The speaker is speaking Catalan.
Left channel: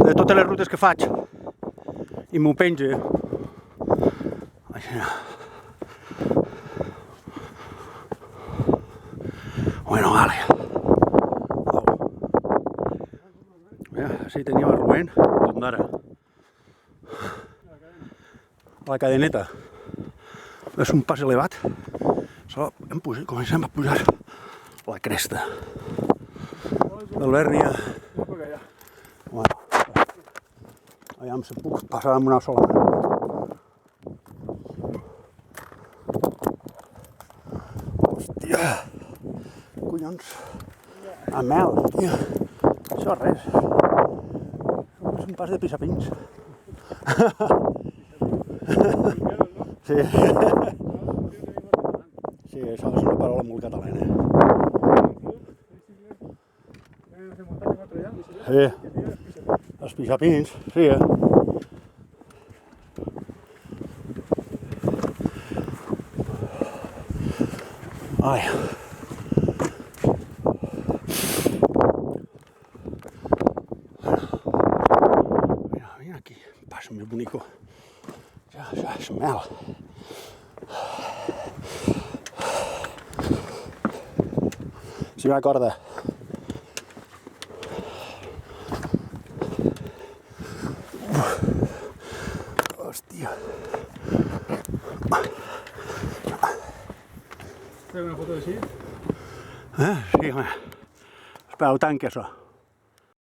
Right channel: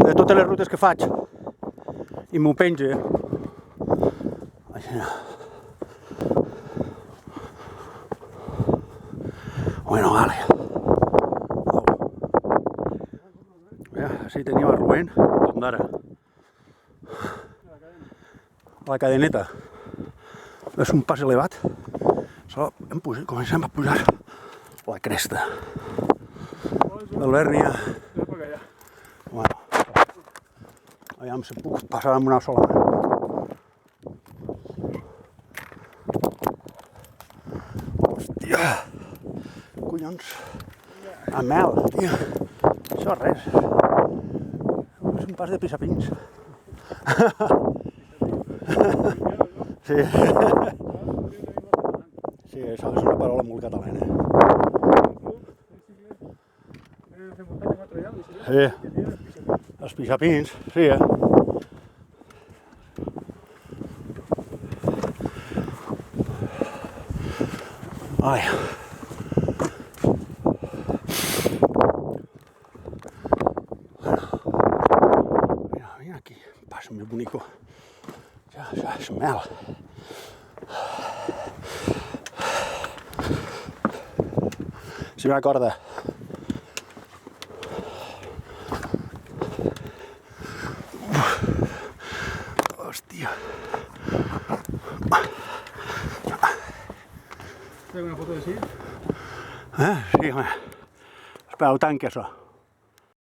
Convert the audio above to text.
de totes les rutes que faig i m'ho penja. Així. Bueno, vale. Au. Ja, així tenim a Rubén d'Ondara. A la cadeneta. És un pas elevat. Comencem a pujar la cresta. L'Albèrnia. Bueno, aviam si puc passar amb una sola mà. Hòstia! Collons! A mel, tio! Això res. És un pas de pissapins. Sí. Sí, això és una paraula molt catalana. Sí, els pixapins, sí. Ai. Bueno, mira aquí, pas més bonico. Ja és mel. Si me acorda. Hòstia. ¿Fue una foto de sí? Sí, home. Espera, ho tanqui, això.